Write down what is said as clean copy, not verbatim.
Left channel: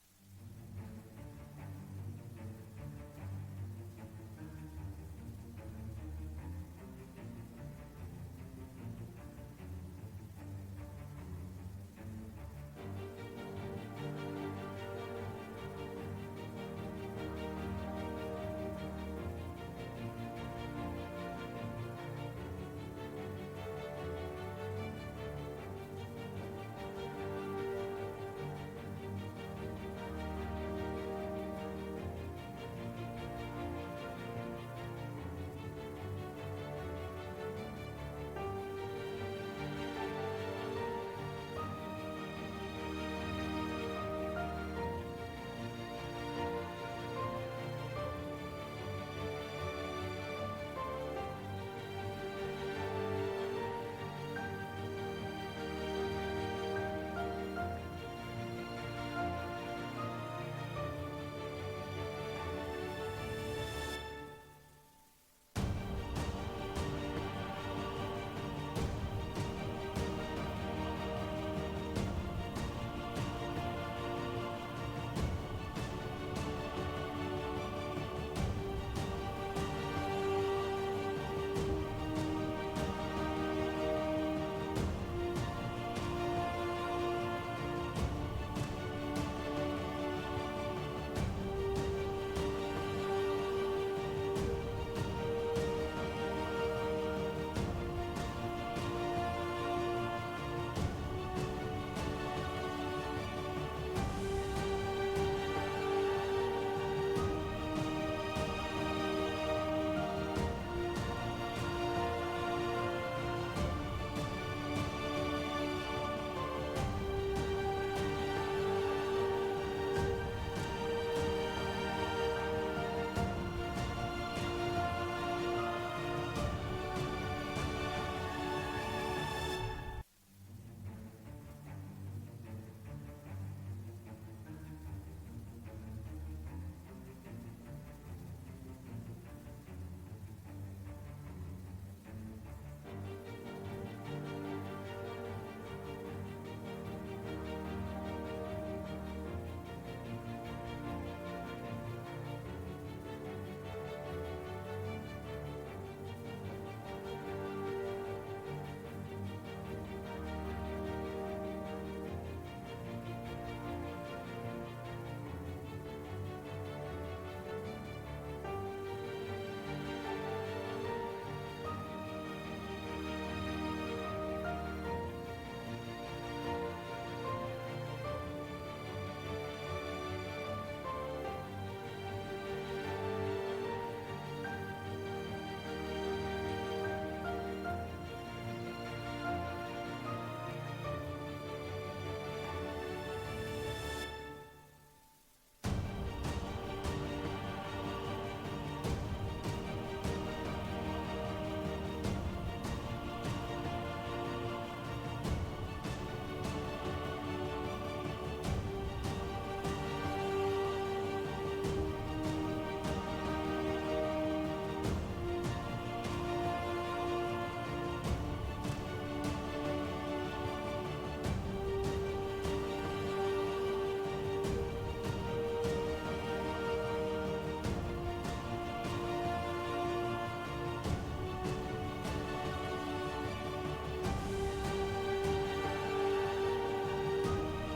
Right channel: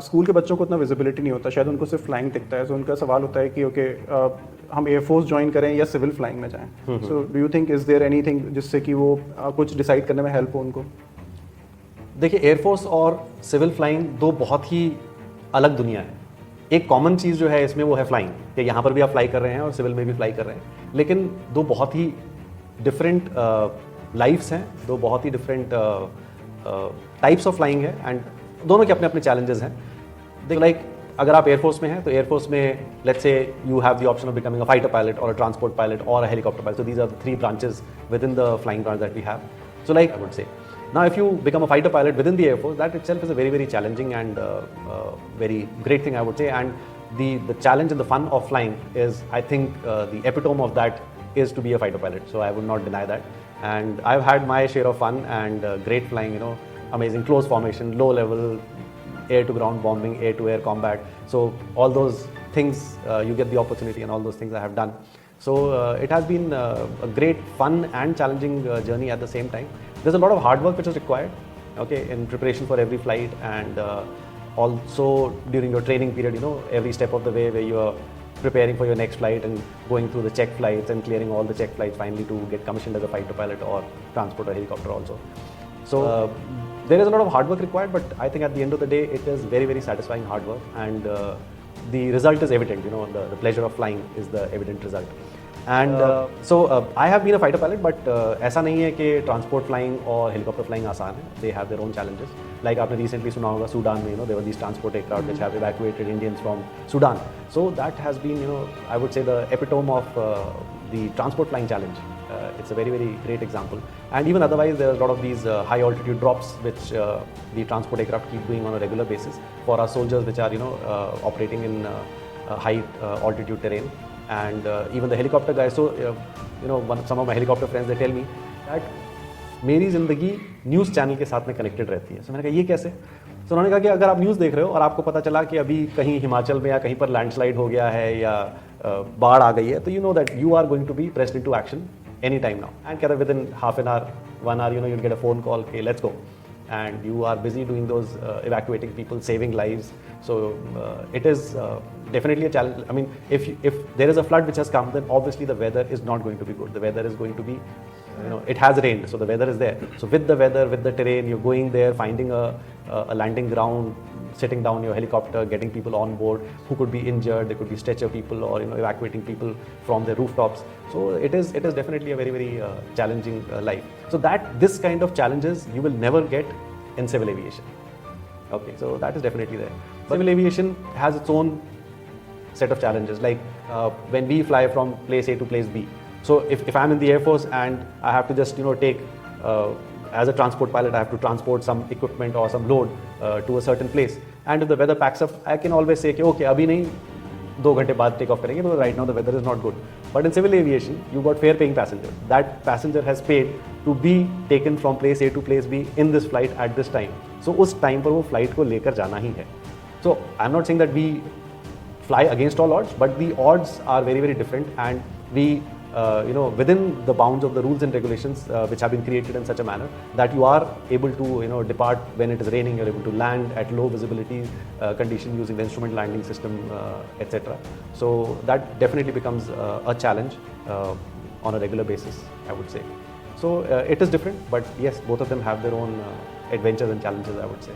School के बच्चों को उतना विजिबिलिटी नहीं होता, शायद उनको सिर्फ फ्लाइंग दिखता है, तो उनका सवाल होता है कि ओके हम एयरफोर्स ज्वाइन करें या सिविल फ्लाइंग में जाएं। So do you think is there anything जिससे कि वो कुछ डिसाइड करने में हेल्प हो उनको? देखिए, एयरफोर्स और सिविल फ्लाइंग दो बहुत ही अलग दुनिया है। एक कॉमन चीज़ जो है इसमें वो है फ्लाइंग, कि यहाँ पर भी आप फ्लाई कर रहे हैं और सिविल में भी फ्लाई कर रहे हैं, लेकिन दो बहुत ही डिफरेंट लाइफ्स हैं, दो बहुत ही डिफरेंट टाइप्स ऑफ फ्लाइंग है, एंड दोनों के अपने अपने चैलेंजेस हैं। देखो, लाइक अगर आप एयरफोर्स में हैं तो एयरफोर्स में let's say you have the option of becoming a fighter pilot और अ ट्रांसपोर्ट पायलट और a helicopter pilot. So these are the three branches within the flying branch that we have. So like I would say, now if you become a fighter pilot within the Air Force, that itself is a very, very challenging and very great thing, I would say. And the challenge and the fun of flying is, I think, the epitome of that is to be a fighter pilot. So I would not deny that. And I've had my share of fun and great flying, you know, amazing close formation, low level, air to ground bombing, air to air combat. So all those things, you get the opportunity, and all those things I have done. So it has been a great fun and challenging journey at the same time. There's a lot of hard work which is required, okay, in preparation for every flight, and also during your training period, you know, every step of the way where you are preparing for your next flight and going through the check flights and clearing all the check flights finally to get commissioned as a fighter pilot or transport or helicopter also. So there is a lot of hard work required, but I think at the end of the day it is very, very satisfying hard work, and the result is evident. You know, the pleasure of flying is the evident result. And so I have been a fighter pilot, but ऐसा नहीं है कि transport flying और helicopter flying आसान है. They have their own challenges. Like आपने recently सुना होगा सूडान में, you know, there were these transport aircraft which have evacuated Indians from Sudan. So that has been, you know, I would say the epitome of the transport flying challenge. It's a very, very great example. And even otherwise, there are a lot of these high altitude drops which the transport aircraft keep doing on a regular basis for our soldiers, which are, you know, operating in high altitude terrain. And even the helicopter guys. So you know, some of my helicopter friends, they tell me that मेरी ज़िंदगी news channel के साथ में connected रहती है. So मैंने कहा ये कैसे? So उन्होंने कहा कि अगर आप न्यूज़ देख रहे हो और आपको पता चला कि अभी कहीं हिमाचल में या कहीं पर लैंडस्लाइड हो गया है या बाढ़ आ गई है, तो you know that you are going to be pressed into action any time now. And कहता within half an hour, 1 hour, you know, you'll get a phone call, okay, let's go. And you are busy doing those evacuating people, saving lives. So it is definitely a challenge. I mean, if there is a flood which has come, then obviously the weather is not going to be good. The weather is going to be, you know, it has rained, so the weather is there. So with the weather, with the terrain, you're going there, finding a landing ground, sitting down your helicopter, getting people on board who could be injured. There could be stretcher people, or, you know, evacuating people from the rooftops. So it is definitely a very, very challenging life. So this kind of challenges you will never get in civil aviation. Okay, so that is definitely there. Civil aviation has its own set of challenges, like when we fly from place A to place B. So if I'm in the Air Force and I have to just, you know, take as a transport pilot, I have to transport some equipment or some load to a certain place, and if the weather packs up, I can always say okay, abhi nahi, 2 घंटे बाद take off करेंगे, because right now the weather is not good. But in civil aviation, you got fare paying passenger. That passenger has paid to be taken from place A to place B in this flight at this time. So उस time पर वो flight को लेकर जाना ही है. So I'm not saying that we fly against all odds, but the odds are very, very different, and we you know, within the bounds of the rules and regulations which have been created in such a manner that you are able to, you know, depart when it is raining, you're able to land at low visibility condition using the instrument landing system, etc. So that definitely becomes a challenge on a regular basis, I would say. So it is different, but yes, both of them have their own adventures and challenges, I would say.